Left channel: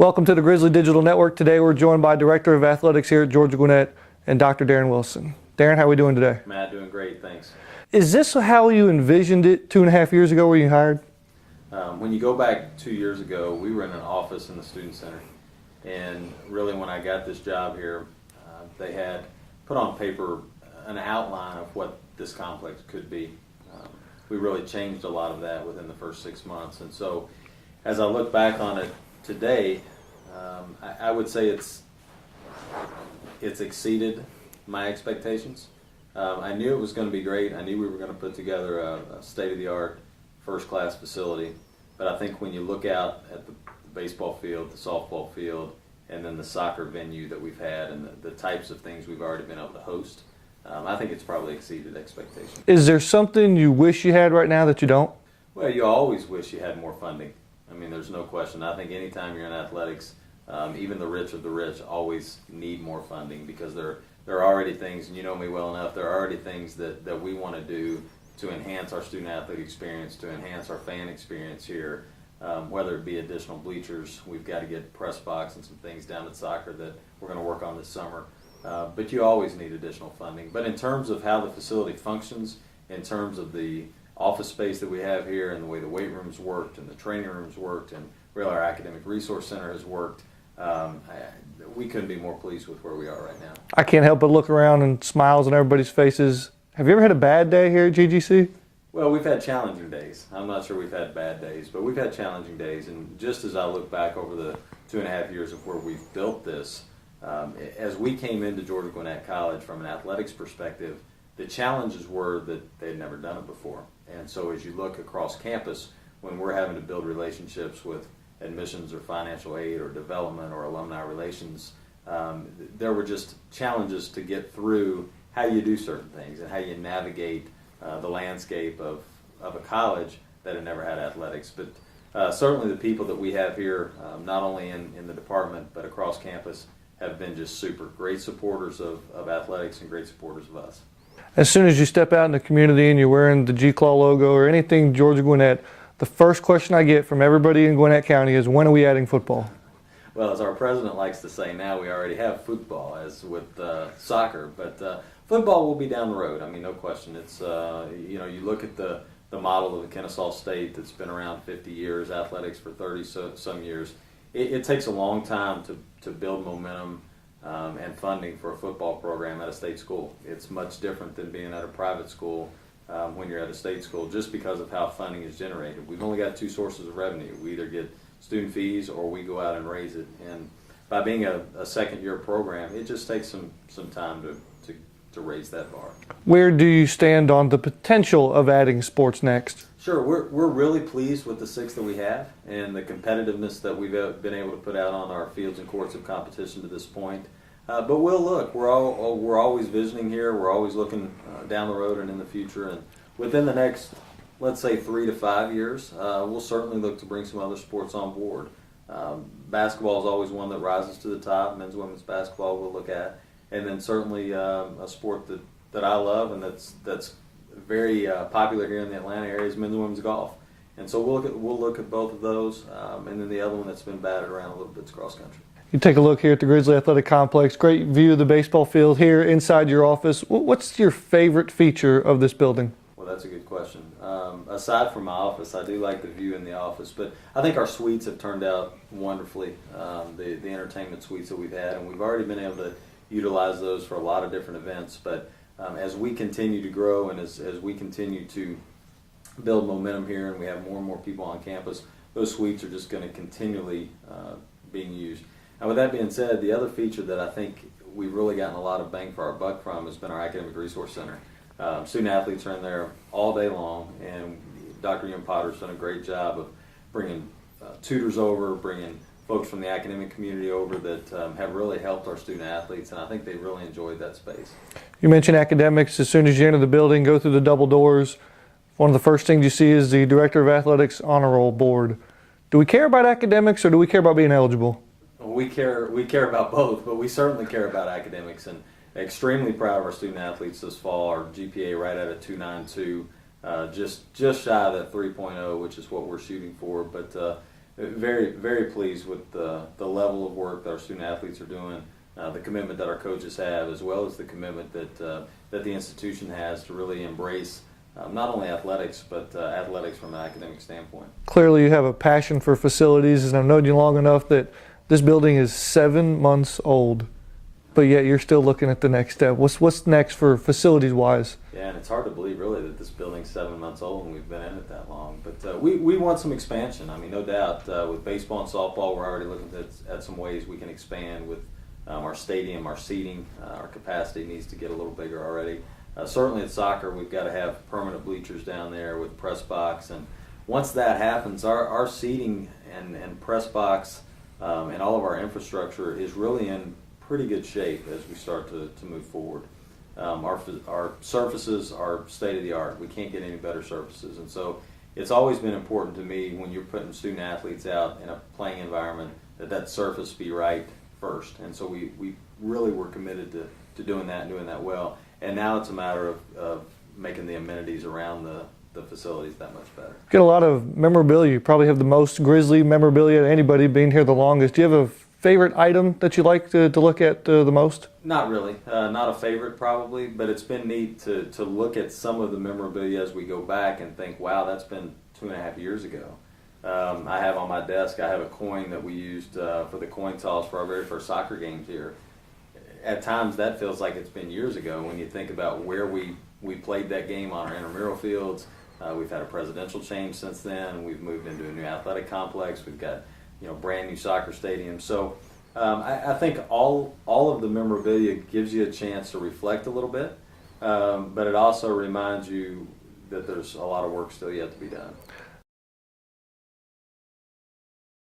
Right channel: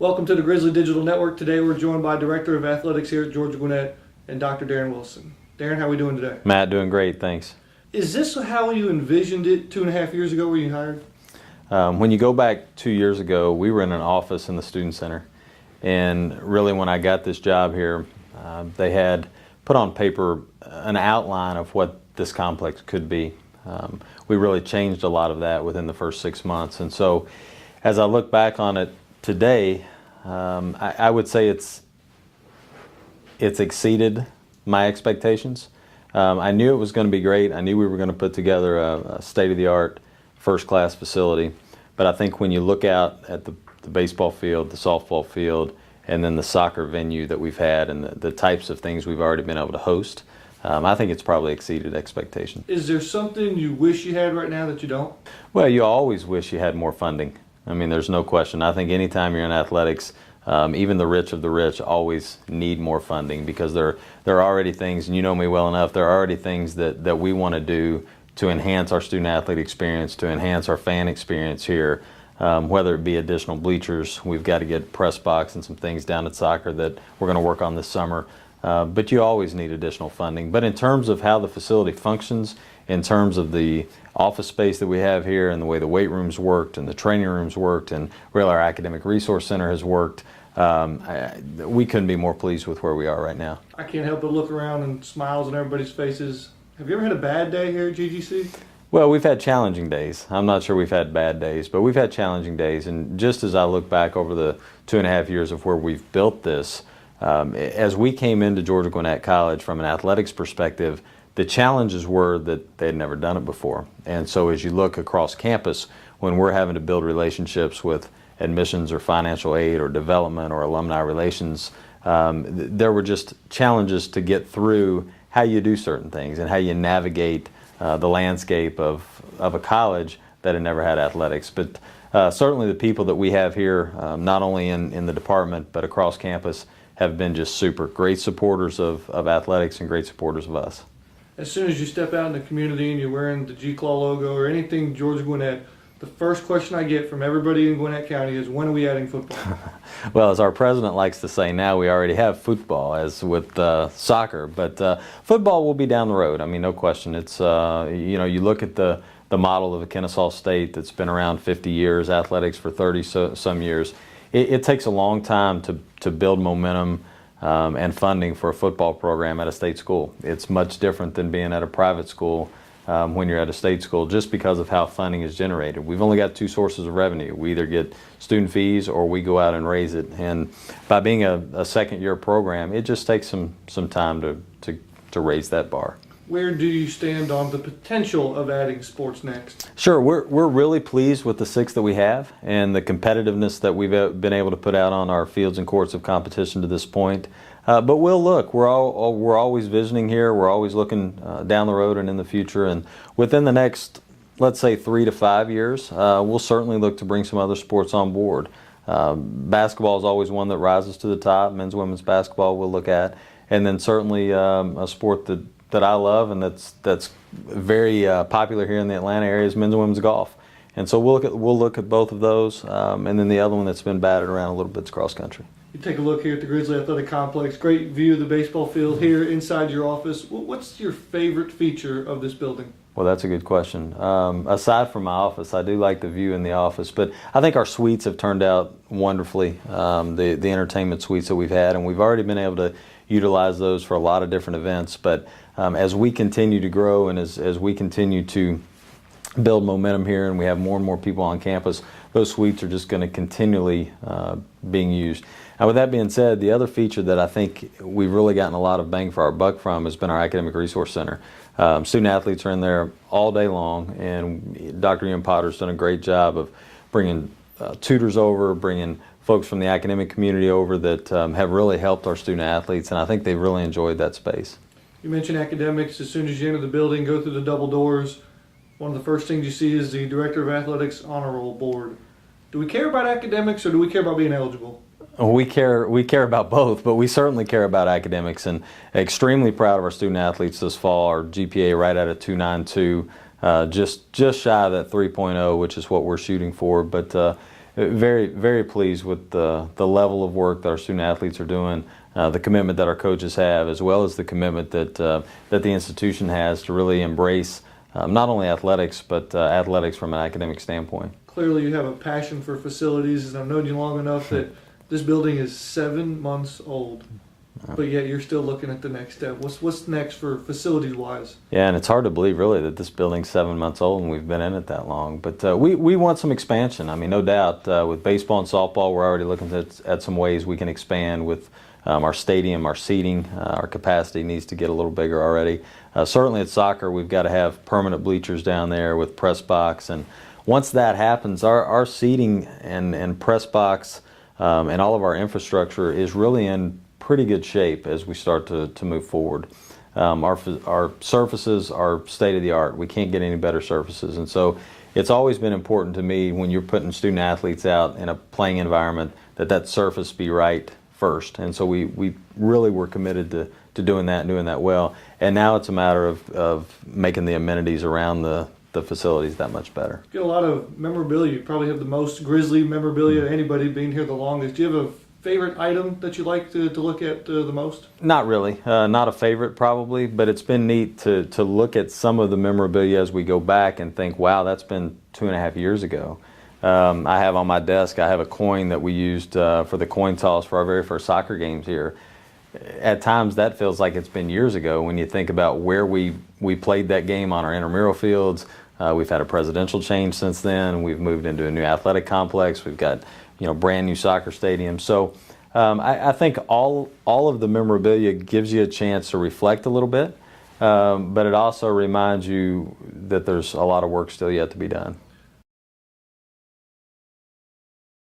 Welcome to the Grizzly Digital Network. Today we're joined by Director of Athletics here at Georgia Gwinnett and Dr. Darin Wilson. Darin, how are we doing today? Matt, doing great, thanks. Is this how you envisioned it 2.5 years ago when you hired? When you go back 2 years ago, we were in an office in the Student Center. And really when I got this job here, they had put on paper an outline of what this complex could be. We really changed a lot of that within the first 6 months. And so as I look back on it today, I would say it's exceeded my expectations. I knew it was going to be great. I knew we were going to put together a state-of-the-art, first-class facility. But I think when you look out at the baseball field, the softball field, and then the soccer venue that we've had and the types of things we've already been able to host, I think it's probably exceeded expectations. Is there something you wish you had right now that you don't? Well, you always wish you had more funding. I mean, there's no question. I think anytime you're in athletics, even the rich of the rich always need more funding because there are already things, and you know me well enough, there are already things that we want to do to enhance our student-athlete experience, to enhance our fan experience here, whether it be additional bleachers. We've got to get press box and some things down at soccer that we're going to work on this summer. But you always need additional funding. But in terms of how the facility functions, in terms of the office space that we have here and the way the weight rooms worked and the training rooms worked and really our academic resource center has worked, we couldn't be more pleased with where we are right now. I can't help but look around and smiles on everybody's faces. Have you ever had a bad day here at GGC? Well, we've had challenging days. I'm not sure we've had bad days, but we've had challenging days. And just as I look back over the 2.5 years of where we've built this, as we came into Georgia Gwinnett College from an athletics perspective, the challenges were that they had never done it before. And so as you look across campus, when we're having to build relationships with admissions or financial aid or development or alumni relations, there were just challenges to get through how you do certain things and how you navigate the landscape of a college that had never had athletics. But certainly the people that we have here, not only in the department but across campus, have been just super. Great supporters of athletics and great supporters of us. As soon as you step out in the community and you're wearing the G-Claw logo or anything Georgia Gwinnett, the first question I get from everybody in Gwinnett County is, when are we adding football? Well, as our president likes to say now, we already have football, as with soccer. But football will be down the road. I mean, no question. It's, you look at the model of the Kennesaw State that's been around 50 years, athletics for 30 some years. It takes a long time to build momentum and funding for a football program at a state school. It's much different than being at a private school when you're at a state school, just because of how funding is generated. We've only got two sources of revenue. We either get student fees or we go out and raise it. And by being a second-year program, it just takes some time to raise that bar. Where do you stand on the potential of adding sports next? Sure, we're really pleased with the 6 that we have and the competitiveness that we've been able to put out on our fields and courts of competition to this point. But we'll look. We're always visioning here. We're always looking down the road and in the future. And within the next, let's say, 3 to 5 years, we'll certainly look to bring some other sports on board. Basketball is always one that rises to the top. Men's, women's basketball we'll look at. And then certainly a sport that I love and that's very popular here in the Atlanta area is men's and women's golf. And so we'll look at both of those. And then the other one that's been batted around a little bit is cross country. You take a look here at the Grizzly Athletic Complex, great view of the baseball field here inside your office. What's your favorite feature of this building? Well, that's a good question. Aside from my office, I do like the view in the office, but I think our suites have turned out wonderfully, the entertainment suites that we've had, and we've already been able to utilize those for a lot of different events. But as we continue to grow and as we continue to build momentum here and we have more and more people on campus, those suites are just going to continually being used. Now, with that being said, the other feature that I think we've really gotten a lot of bang for our buck from has been our academic resource center. Student athletes are in there all day long, and Dr. Ian Potter's done a great job of bringing tutors over, bringing folks from the academic community over that have really helped our student athletes, and I think they've really enjoyed that space. You mentioned academics. As soon as you enter the building, go through the double doors, one of the first things you see is the Director of Athletics Honor Roll Board. Do we care about academics or do we care about being eligible? We care about both, but we certainly care about academics, and extremely proud of our student athletes this fall. Our GPA right at a 2.92, just shy of that 3.0, which is what we're shooting for. But very, very pleased with the level of work that our student athletes are doing, the commitment that our coaches have, as well as the commitment that that the institution has to really embrace not only athletics, but athletics from an academic standpoint. Clearly, you have a passion for facilities, and I've known you long enough that this building is 7 months old, but yet you're still looking at the next step. What's next for facilities-wise? Yeah, and it's hard to believe really that this building's 7 months old and we've been in it that long. But we want some expansion. I mean, no doubt. With baseball and softball, we're already looking at some ways we can expand with our stadium, our seating, our capacity needs to get a little bigger already. Certainly at soccer, we've got to have permanent bleachers down there with press box. And once that happens, our seating and press box and all of our infrastructure is really in pretty good shape as we start to move forward. Our surfaces are state of the art. We can't get any better surfaces, and so it's always been important to me when you're putting student athletes out in a playing environment that surface be right first. And so we really were committed to doing that and doing that well. And now it's a matter of making the amenities around the facilities that much better. Get a lot of memorabilia. You probably have the most Grizzly memorabilia of anybody being here the longest. Do you have a favorite item that you like to look at the most? Not really. Not a favorite probably, but it's been neat to look at some of the memorabilia as we go back and think, wow, that's been 2.5 years ago. I have on my desk, I have a coin that we used for the coin toss for our very first soccer games here. At times that feels like it's been years ago when you think about where we played that game on our intramural fields. We've had a presidential change since then. We've moved into a new athletic complex. We've got brand new soccer stadium. So I think all of the memorabilia gives you a chance to reflect a little bit, but it also reminds you that there's a lot of work still yet to be done.